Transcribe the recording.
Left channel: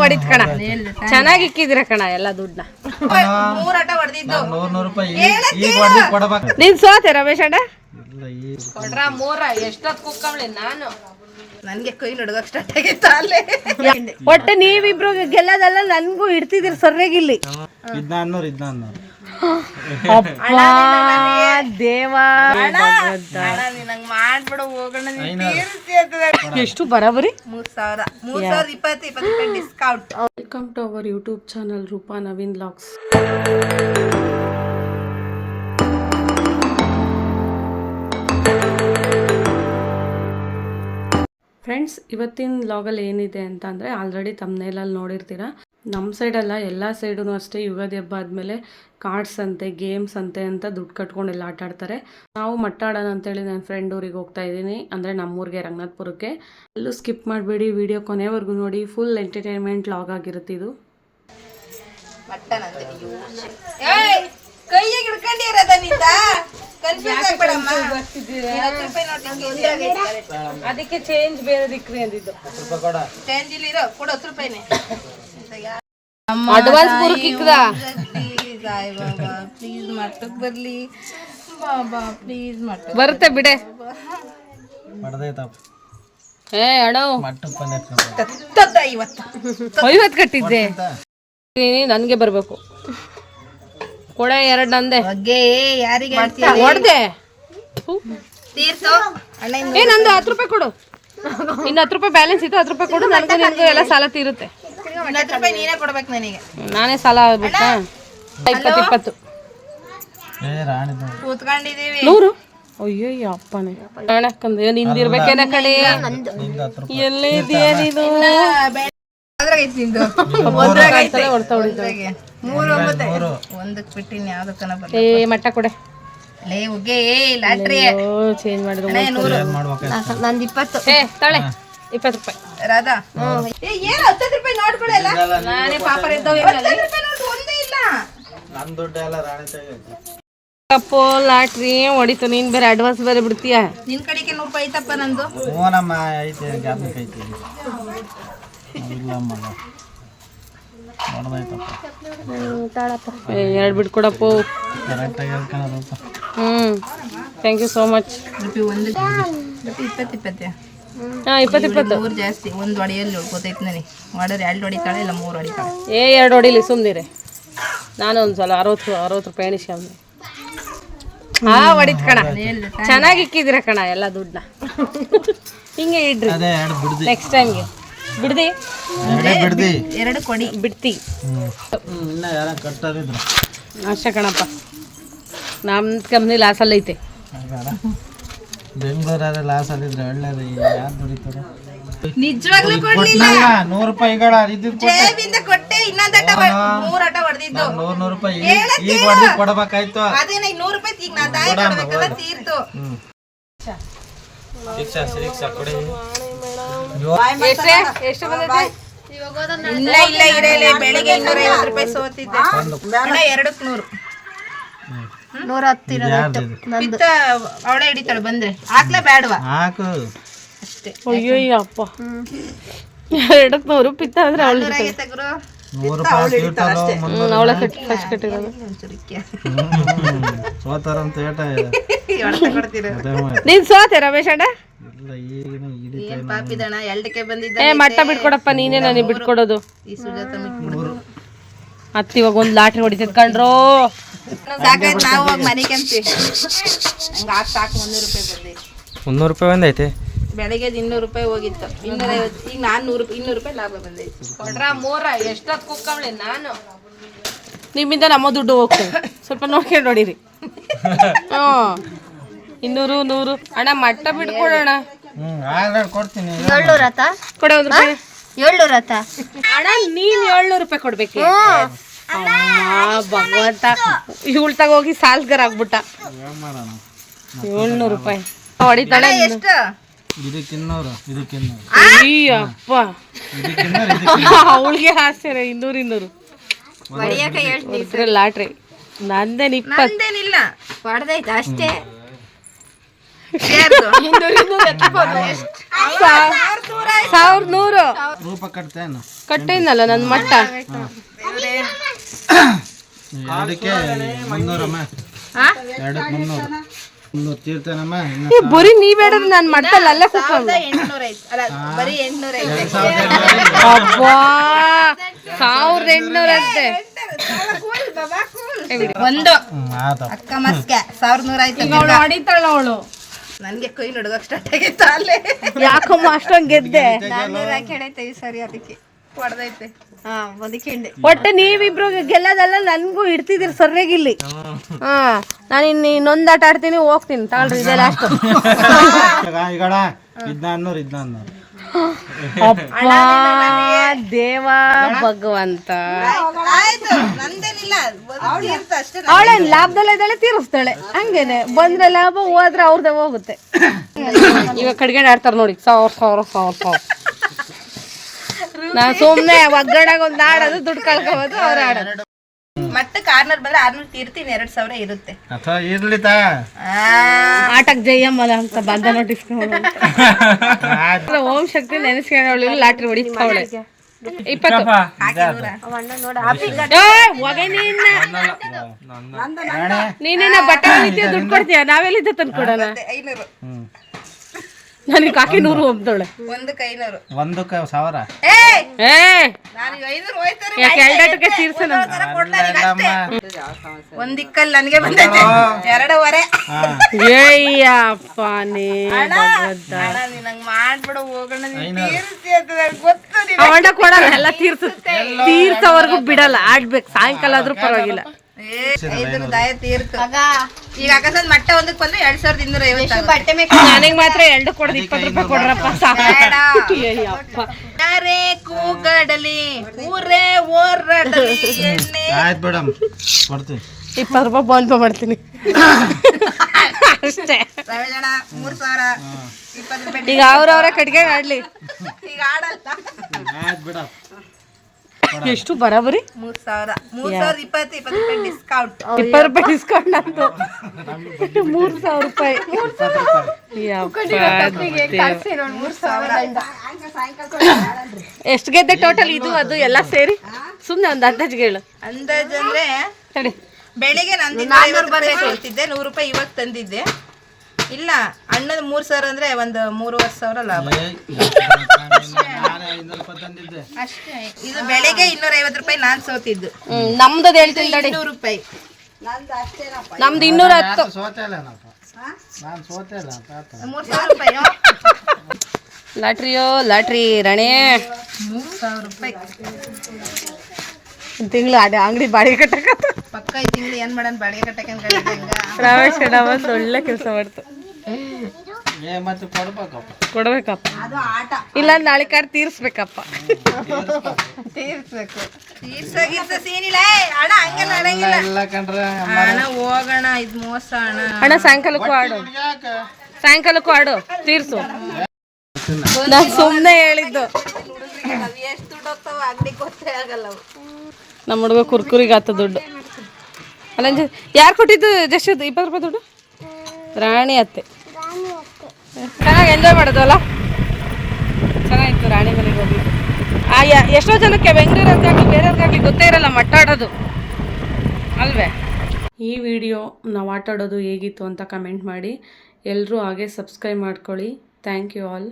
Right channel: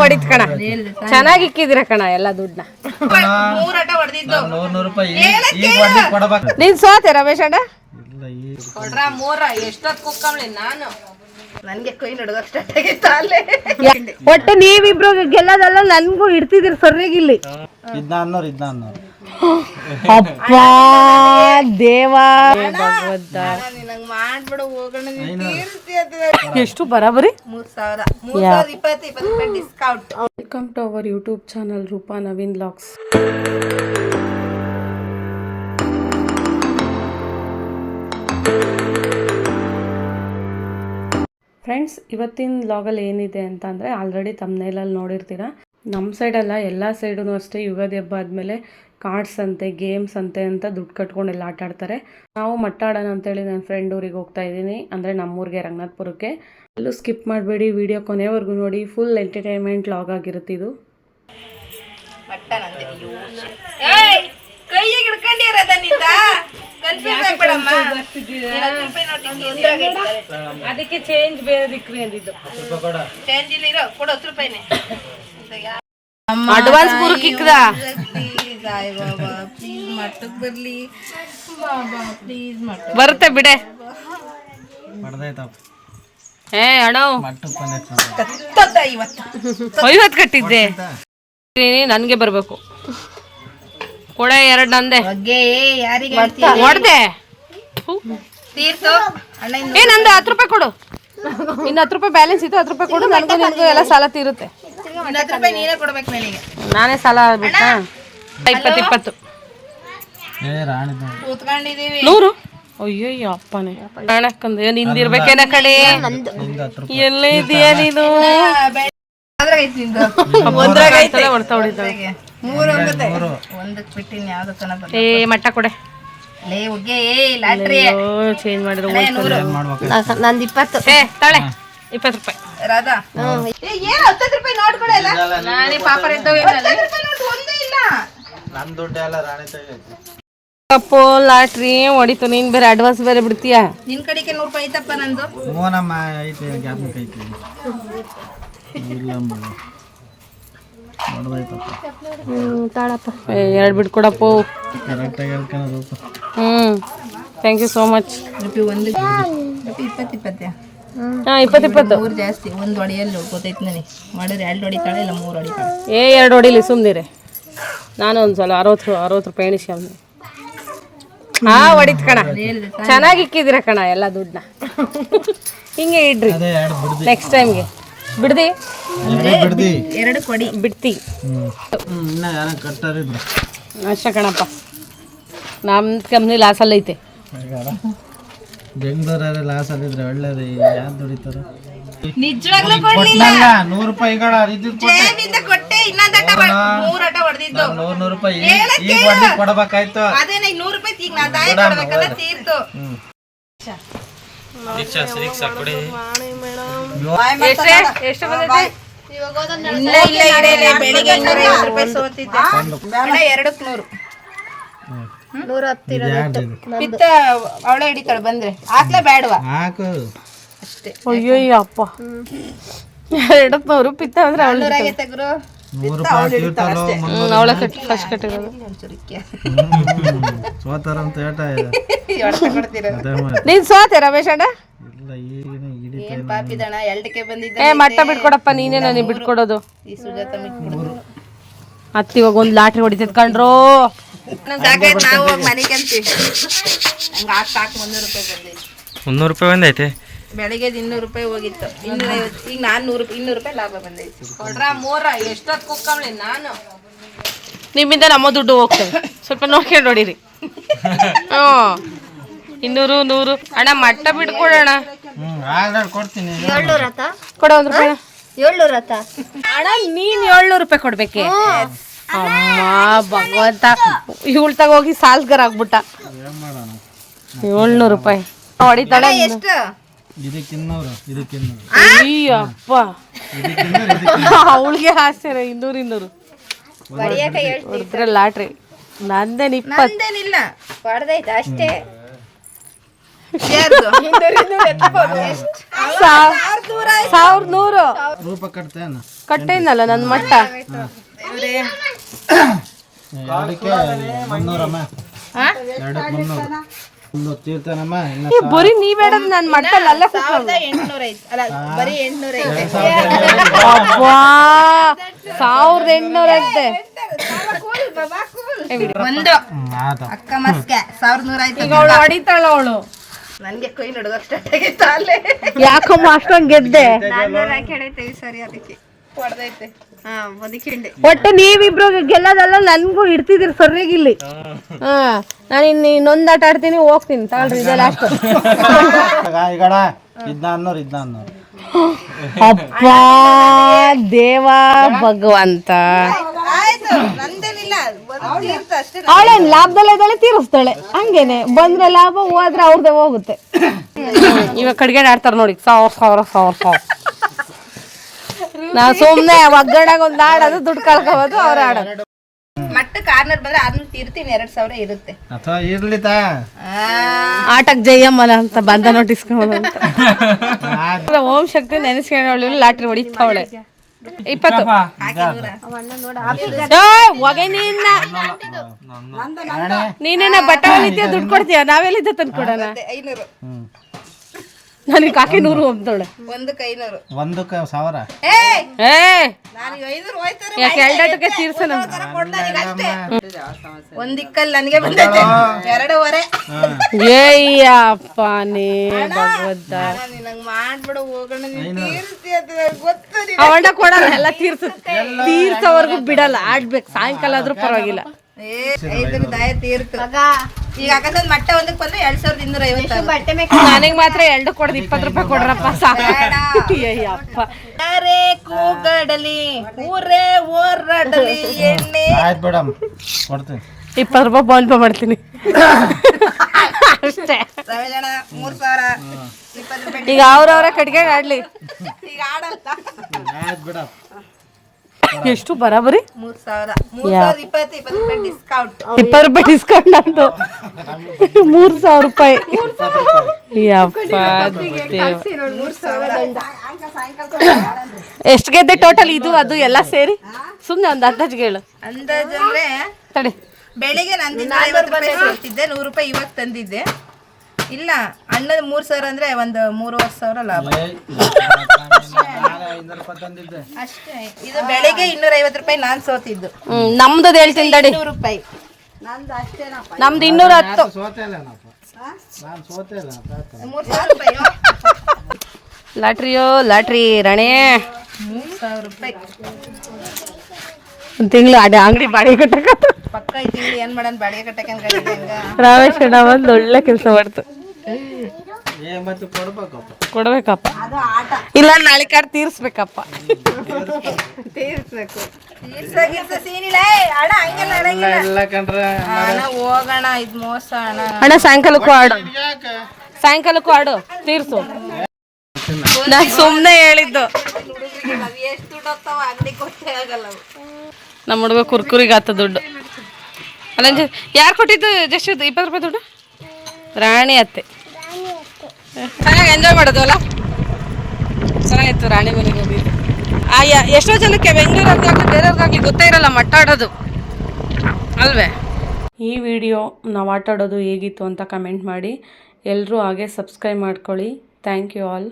ಹೊಡಿತ್ ಕಣ, ಚೆನ್ನಾಗಿ ಇಕ್ಕಿದಿರ ಕಣ ಎಲ್ಲ ದುಡ್ಡನ್ನ. ನೀನ್ ಸೋತೆ ರಮೇಶ್ ಅಣ್ಣ ಕೊಡ್ರ ಮೂರ ಎಷ್ಟೊತ್ ಕುಕ್ಕಂಬ್ಲಿ ನಾನು ನನ್ಗೆ ಕೈ ನಡ್ಗಕ್ ಸ್ಟಾರ್ಟ್ ಆಗಿತ್ತ ಅಲ್ಲೇ. ಒಟ್ಟೆ ನೀವಿಬ್ರು ಗೆಲ್ಲದಲ್ಲ, ನನ್ಗೂ ಇಡ್ತಿದಿರಿ ಸರ್ಯಾಗಿಲ್ಲಿ. ಅಪ್ಪ ದೇವಾ ಭಗವಂತ ಮಾಡ್ಬಿಡು ಹೋಗೋಣ. ಎಷ್ಟು ಬರಾಬರಿ 3020 discount. Welcome to our YouTube channel Roopa Naveen vlogs. Friends, ಇವತ್ತಿನ ವ್ಲಾಗಲ್ಲಿ ಏನಿದೆ ಅಂತ ಅಂದರೆ ಆಲ್ರೆಡಿ ತಮ್ಮನೇಲಲ್ಲಿ ನೋಡಿರ್ತೀರ. ನಮ್ಮ ಸೈಡೆಲ್ಲ ಎಲ್ಲ ಸೈಡೂ ಅಷ್ಟೇ ಯುಗಾದಿ ಹಬ್ಬ ಆದಮೇಲೆ ಕಾರ್ಡ್ಸ್ ಅಂತೆ, ಗೇಮ್ಸ್ ಅಂತೆ ಅಂತ ದುಡ್ಡು ಕಟ್ಕೊಂಡೆಲ್ಲ ಆಟ ಆಡ್ತಾರೆ. ನಾವು ಮಟ್ಟ ಆಡೋಣ ಅಂತೇಳಿ ನನ್ನ ಫ್ರೆಂಡ್ ಊರಿಗೆ ಹೋಗ್ತಾ ಇದ್ದೀನಿ, ಅಂದರೆ ನಮ್ಮೂರಿಗೆ ರಂಗನಾಥ್ಪುರಕ್ಕೆ. ಎಲ್ಲೂ ಸ್ಕಿಪ್ ಮಾಡಬೇಡಿ, ವಿಡಿಯೋ ಕೊನೆವರೆಗೂ ನೋಡಿ. ಫುಲ್ ಎಂಟರ್ಟೈನ್ಮೆಂಟ್ ವ್ಲಾಗ್ ಆಗಿರುತ್ತೆ ಇದು. ಅದಕ್ಕೆ ಚೇಂಜ್ ಬೇರೆ ದಿಕ್ರಿ ಅಂದಿದ್ದು. ಅಡ್ವಾನ್ಸ್ ಪೂರಕ್ಕಿಕ್ಕದ ಬರ್ಲಿ ಬರುತ್ತೆ ಬಿಡೆ. ಏ ಅಣ್ಣ 50 ಕಟ್ಟಿದ್ದೆ, ನನ್ಗೆ ಬರ್ಬೇಕು. ಕೊಡೆ 2 ನಂದೆ ಹೊಡ್ದೆ. ಏ ನಂದು 10 ರೂಪಾಯಿ ಕೊಡು, ಇನ್ನು 10 ರೂಪಾಯಿ ಬ್ಯಾಲೆನ್ಸ್ ಇತ್ತು. 10 ರೂಪಾಯಿ ಕೊಡು, ನನಗೂ ನಿನ್ಗೂ ಎಲ್ಲ ಸಾಲ ತೀರುತ್ತೆ. ನಾನೇ ಸಾಲ ಆಗ್ಬಿಟ್ಟ. 20 100. ಅಯ್ಯಯ್ಯ ಅಪ್ಪನೇ ಕಾಣಕ್ಕಂದ ನಿಂದಿರ್ಬೇಕೇನ ಕಡೆ. ಎಲ್ಲೇ ಇದೆಯಾ ನೀನು? ಏ ಮಟ್ಟ ಕೊಡೆ. ಚೇಂಜ್ ಮಾಡಿದ್ರು ನಂದು 20. ಏ ತಾಳೆ 20 ರೂಪಾಯಿ. ರಾಧಾ ಕಪ್ಪು ಲಾಟ್ರಿ ಹೊಡಿತು. ನೀನ್ ಬೇರೆ ಅಡ್ವಾನ್ಸ್ ಬೇರೆ ಬಿಡ್ತೀಯಾ? ನಿನ್ ಕಡೆಗೆ 100 ರೂಪಾಯಿ ಐತಪ್ಪ ನಂದು. ಎರಡು ಬಿಟ್ಕೊಡಪ್ಪ. Thank you so much. 20 ಜಾಸ್ತಿ. ಒಂದು ಹೊಡೆಯಲ್ಲಿ ಗೊತ್ತೈತೆ ನನಗೆ. ಮಾಡಿದ್ರೆ 2 ಹೊಡಿತಾಳೆ, ಇಲ್ಲ 3 ಹೊಡಿತಾಳೆ. 2 ಹೊಡಿಲಿ ಸುಮ್ಮನಿರೆ. ನಾನು ಒಂದು ಸಲ 60 ರೂಪಾಯಿ ಎಣಿಸಿ ಅವನು. ಹೊಡಿತ್ ಕಣ, ಚೆನ್ನಾಗಿ ಇಕ್ಕಿದಿರ ಕಣ ಎಲ್ಲ ದುಡ್ಡನ್ನ. ಹಿಂಗೆ ಇಡ್ರಿ ನೆಕ್ಸ್ಟ್ ಟೈಮ್ಗೆ. ಬಿಡ್ದಿ 2 ಕೊಡಿ ಬಿಡ್ತಿ ಅಷ್ಟೇ ಕಣಪ್ಪ. ನಮ್ಮ ಕಂಪ್ನಿ ಲಾಸಲ್ಲಿ ಐತೆ. ಬೆಂಗಳೂರಲ್ಲಿ ಲಾಸ್ ಆಗಿದ್ರೆ ಒಳ್ಳೇದು. ಯಾರು ದುಡಿತಾರ? ನಿಜವಾಗ್ಲೂ ಕೊಡ್ಲಿಲ್ಲ. 100 ರೂಪಾಯಿಗಳ ಜೇಬಿಂದ ಕೊಟ್ಟೆ. ಇನ್ನೊಂದು 3 ಆಟ ಹೊಡೆದಿದ್ದು 100 ರೂಪಾಯಿ ಈಗ ಹೊಡೆದು ಕೊಡಬೇಕಾಯ್ತು. ಅದೇ 100 ರೂಪಾಯಿ ಈಗ ನಾ ತಾಯಿ ಕೊಡಬೇಕಲ್ಲ, ತೀರ್ತು. ಎಷ್ಟು ಬಂದಿದೆ? ಇಲ್ಲ ಬೆಳಿಗ್ಗೆ 250 ರೂಪಾಯಿ ಸೋತಿದ್ದೆ. 200 ಪಿತ್ತ ಅವಳೆ ಹಿಡಿತಾಳೆ ಬಂದ್ರೆ. ಹಾಕ್ಲೇ ಬೇಡವಾ? ಅಷ್ಟೇ. ಅಯ್ಯಯ್ಯ ಅಪ್ಪ 200 ಪಿತ್ತ ಅಂದ್ರೆ ಅವಳು ಅವಳ ಫಸ್ಟ್ ಕಟ್ಟಿರೋದು. ನೀನ್ ಸೋತೆ ರಮೇಶ್ ಅಣ್ಣ? ಏ ಮಟ್ಟ ಬಿಟ್ಕೊಡಪ್ಪ, ನೀನೇ ನನಗೆ ಬಿಟ್ಕೊಡೋದು. ಅತ್ತ ಇವಾಗ ಒಂದು ಲಾಟ್ರಿ ಹೊಡಿತೈತ್ ಕಣ್ರೋ. 100 ರೂಪಾಯಿ ಬಂದೈತೆ. ಬೆಳಿಗ್ಗೆ 200 ರೂಪಾಯಿ ಹೋಗಿತ್ತು. 250. ಈಗ 200 ರೂಪಾಯಿ ಲಾಭ ಬಂದೈತಿ. ಕೊಡ್ರ ಮೂರ ಎಷ್ಟೊತ್ತು ಕುಕ್ಕಂಬ್ಲಿ ನಾನು. ನಿಮ್ಮಿಂದ ನಮ್ಮ ದುಡ್ಡು ಹೋಗ್ತದೆ, ಸ್ವಲ್ಪ ನೋಡ್ಕೊಂಡು ಹೊಡೀರಿ. 200 100 ಅಣ್ಣ ಮಟ್ಟ ಬಿಟ್ಕೊಡೋಣ. ಕೊಡ 1 ರೂಪಾಯಿ. 700 ಅಣ್ಣ, ನೀನ್ 700 ರೂಪಾಯಿ ಕೊಡ್ಬೇಕೆ? ಅಮ್ಮ ಭಗವಂತ, ಇವಳು ತಗೋಗಿ ಸಾಲ್ಗರ್ ಆಗ್ಬಿಟ್ಟ. 700 ರೂಪಾಯಿ ಹೊಡಿತಾಳೆ. ಅಯ್ಯಪ್ಪ ಅವಳಿಗೆ ಹಾಸ್ಯಾರ. 200 ಹೊಡೆದ್ರೆ ಲಾಟ್ರಿ. ನಂದೇನು 20 ಹೊಡೆದೈತೆ ಅಷ್ಟೇ. 1100 ರೂಪ ಕಟ್ತೇನು ಕಟ್ಟೇನಲ್ಲ ನನ್ನ ಮಟ್ಟ. ಎರಡಕ್ಕೆ 300 ಅಮ್ಮ. ಎರಡಕ್ಕೆ 300 ಒಂದು ತೀರ್ತನಮ್ಮ. ಬರೀ ನೀವ್ ಹೇಳೋದು ನಾನು ಮಟ್ಟಲ್ಲ ಅಲ್ಲೇ ಕೂತ್ಕೊಂಡು. 800 ಐತಿ ಅಲ್ಲ ಬರೀ 800 ಐತಿ. ಅಬ್ಬಾ 1800 ಅಂತೆ. ಒಂದು ಆತ ಅಕ್ಕ ಮಸ್ಕೆ 1100 ಆಯ್ತು. ಹೊಡಿತಾಳ ಅವಳು. ನನ್ಗೆ ಕೈ ನಡುಗಕ್ಕೆ ಸ್ಟಾರ್ಟ್ ಆಗಿತ್ತು ಅಲ್ಲೇ. ಯಾಕಮ್ಮ ಅಷ್ಟೊಂದ್ ಗೆದ್ದೆ? 400 ಹಾಕಿ ಸರಿ ಅದಕ್ಕೆ ಹೊಡೆದೈತೆ. ಹಾ ಅದಕ್ಕೆ ಹಿಂದೆ ಒಟ್ಟೆ ನೀವಿಬ್ರು ಗೆಲ್ಲದಲ್ಲ, ನನ್ಗೂ ಇಡ್ತಿದ್ದೀರಿ ಸರಿಯಾಗಿಲ್ಲಿ. ನಾನು ಇನ್ನೊಂದು ಆಟ ಆಡ್ತೀನಿ, ಹೋಗ್ತೀನಿ ತಗೊಳ್ರಿ. ಇದೆ ಲಾಸ್ಟ್. ಈಗಡ 400 ಅಪ್ಪ ದೇವ ಭಗವಂತ. ಆಯ್ತು ನಂದೇನಿಲ್ಲ ತೀರ್ಥ ಅಷ್ಟೇ. ಅವಳೇನ್ ಲಾಭದಲ್ಲೇ ಇದ್ದಾಳೆ, ತೀರಿಸ್ತಾಳೆ. ಹಂಗೇನೆ ಬಂದ್ರೆ ಲಾಭ, ಹೋದ್ರೆ ಅವ್ರದ್ದೇ ಹೋಗುತ್ತೆ. ಇವಾಗ ಕಡ್ಗೆ ಆಡ್ತಾರ ನೋಡಿ, 1000. ನಾ ಸುಮ್ನೆ ಒಗ್ಗರಣೆಗೆ ಒಂದ್ ಆಡೋದು, ದುಡ್ಡು ಕಳ್ಕೋಬೋದು, ಅವ್ರು ಆಡೋದು. ಮಟ್ಟ ಕಾರ್ನರ್ ಬಂದ್ರೆ 600 ತೀರ್ತೀನಿ, 2000 ಇರುತ್ತೆ. ಅಥವಾ ಇರ್ಲಿತಾ ಆಟಕ್ ಜಯಮ್ಮನ ಅಂತ ಬಂದ ನೋಟಿಸ್ಕೊಂಡು ಓಂ ಶಕ್ತಿ ನೆನೆಸ್ಕೊಂಡವಳು ಲಾಟ್ರಿ ಹೊಡಿತಾವಳೆ. 20 ನೀನೇನ ಬಟ್ಟೆ ದುಡ್ಡು ಕೊಡ್ತೀಯ, ನಾವೆಲ್ಲಿದ್ದ ತಂದು ಕೊಡೋಣ. 500 ನನಗೆ ಕಾಕಿ 100 ಒಮ್ತಾವಳೆ. ಒಂದಕ್ಕೆ 500. ಒಂದಕ್ಕೆ 1000. ನಾನು 500 ಹೋಯ್ತಾರೆ. ಯಾಕೆ ಎರಡಾಟಕ್ಕೆ ತೀರ್ಸೋಣ. ಒಂದಿಕ್ಕಲ್ಲಿ ನನಗೆ ಬಂದೈತೆ 2.5. ಏಯ್ಯಪ್ಪನೇ ಭಗವಂತ. ನಂಗೆ ಮಾಡ್ಬಿಡು ಹೋಗೋಣ, ನೀನ್ ತೀರ್ಸಿ ಅಂತ ನಂಗ್ ಗೊತ್ತು. ಅವಣ್ಣ ಕೊಡಲ್ಲ, ಎಲ್ಲ ತೀರ್ಸೋವರೆಗೂ ಬಿಡಲ್ಲ. ಆಡ್ಬೇಕು, ಸಾಯಂಕಾಲ ಆದ್ರೂ ಪರವಾಗಿಲ್ಲ. 500 ದಾಯ ತೀರ್ತು. ಈಗ ಅಕಸ್ಮಾತ್ ಮಟ್ಟ ಒಂದಕ್ಕೆ ಬಂದ್ರೆ 2250 ಬಟ್ಟೆ ನನಗೆ ಮಾತ್ರ 2 ಕೊಡೋದು 20 ರೂಪಾಯಿ ಕೊಡ್ರಪ್ಪ ಸಾಕು. ಅಯ್ಯಪ್ಪ ಯಾರೇ ಕೂಗಾಡಲಿ ಊರೇ ಓರಾಡಲಿ ಎಣ್ಣೆ. ಆಯ್ತು ಮೇಡಮ್ ಕೊಡ್ತೀನಿ. 20 ರೂಪಾಯಿ ಫೋನ್ ಪೇ ಮಾಡ್ತೀನಿ ಅಷ್ಟೇ. ರವಿಜನ 3000 20 ರೂಪಾಯಿ. ಈಗ ಅವ್ರವ್ರ ಕಟ್ಗೆ ಆಡ್ಲಿ. ಈಗ ಆಡಲ್ಲ. ಆಯ್ತು ಬಿಡಮ್. ಎಷ್ಟು ಬರಾಬರಿ? 3000 20 ರೂಪಾಯಿ ಡಿಸ್ಕೌಂಟ್. 20 ರೂಪಾಯಿ ಡಿಸ್ಕೌಂಟ್ ಅಂತು. 3000 ರೂಪಾಯಿ. ಯಪ್ಪ ಎಷ್ಟು ಗೆದ್ದೆ ಟೋಟಲ್? ಇದು ಅದು ಎಲ್ಲ ಸೇರಿ ಸುಮ್ನೆ ಒಂದು ಅಂದಾಜಿಗೆ ಹೇಳು. ಅಂದಾಜ್ ಅಂದ್ರೆ ತಡಿ, ಬೆಳಿಗ್ಗೆ ನಂದು 250 ರೂಪಾಯಿ ಕೊಡ್ತಿದ್ದೆ, 100 ರೂಪಾಯಿ ಇವಾಗ ತಂದಿದ್ದೆ. ಇಲ್ಲ ಅಣ್ಣದ 3000 ಅಂದ್ರೆ ಒಂದು 3,500 ಲಾಭ ಅಷ್ಟೇ. ಇದು ಬೆಳಿಗ್ಗೆ 250 ರೂಪಾಯಿ ನಾನ್ ಸೋತಿದ್ದು. ನಮ್ದು ಹೇಳ್ತೀನಿ ತಡಿ. 200 ರೂಪಾಯಿ ನಮ್ದು 210. ಸೋತೆ ಅಲ್ಲ ನಾನು ಸೋತೆ ಅಲ್ಲ 3000 ರೂಪಾಯಿ. ಲಾಟ್ರಿಯೋ ಲಾಟ್ರಿ ರಾಣೆ. 3000 ರೂಪಾಯಿ ಒಂದು ತಿಂಗಳು ಅಂಗಡಿ ಬಾಡಿಗೆ ಕಟ್ಟಕ ಪಕ್ಕ ಈ ತಿಂಗಳು ಏನ್ ಮಾಡೋಣ, ಬಾಡಿಗೆ ಕಟ್ಟಕ್ಕೆ ಹಂಗ ರಾಮೇಶ್ ಅಣ್ಣ ಒಂದು ಒಳ್ಳೆ ಕೆಲಸ ಮಾಡ್ತು. ಮತ್ತೆ ಕೊಡ್ಬೇಕಪ್ಪ. ಅದು ಆಟ. ಇಲ್ಲ ನಾಳೆ ಕಾರ್ಡ್ ತೀರ್ಸ್ಬೇಕಪ್ಪ. ತೀರ್ಸ್ಬೇಕು. ತೀರ್ಸೋ ಸೀನ್ ಇಲ್ಲ ಅಣ್ಣ, ಹಂಗಲ್ಲ ನಡೆಯಂಗಿಲ್ಲ. ಎಲ್ಲ ಕಂಡ್ರೆ ಅಣ್ಣ ಹೋಗೋಣ, ಇದು ಮೋಸ ಅಣ್ಣ. ಅಣ್ಣ ಸಾಯಂಕಾಲಕ್ಕೂ ಆಡು, ಸಾಯಂಕಾಲಕ್ಕೂ ಆಡು, ತೀರ್ಸು. ನಾನು ಸುಮ್ಮನೆ ಹೇಳಿದ್ದು. ಎಷ್ಟು ದುಡ್ಡು ಹೋಗ್ತಾವ ಅಂಗಡಿ ಗೊತ್ತೇ ಆಗಲ್ಲ. ನಮ್ಮ ಹುಡುಗ ಕುರ್ಕುರಿಗೆ ಆತ ದುಡ್ಡು. ಅಲ್ಲ ಯಾರು ಕೊಟ್ಟಿದ್ದು ಜಸ್ಟ್ 20 ರೂಪಾಯಿ ದುಡ್ಡು? ರಾಣಿ ಅತ್ತೆ. ಚೆನ್ನಾಗಿ ಎಂಜಾಯ್ ಮಾಡೋದು ಅಲ್ಲ, ಚೆನ್ನಾಗಿತ್ತು. ರಾಣಿ ಮನೆಗೆ ಹೋಗಿದ್ದು. ಎಷ್ಟೋ ಜನಕ್ಕೆ ಬೆಂಗಳೂರಲ್ಲಿ ಯಾಕೆ ಬೇರೆಯವ್ರಿಗಾಗಿ ಗೊತ್ತೇ ಇರಲ್ಲ ಮಟ್ಟ ಆಡೋದು ಅಲ್ವೇ. ಈ ವಿಡಿಯೋ ನಾವು ಆಟ ಆಡೋದು ಹೇಗಿತ್ತು ಅಂತ ಕಮೆಂಟ್ ಮಾಡಿ. ಎಲ್ಲರೂ ಹಾಗೆ ಸಬ್ಸ್ಕ್ರೈಬ್ ಮಾಡ್ಕೊಳ್ಳಿ. Thank you all.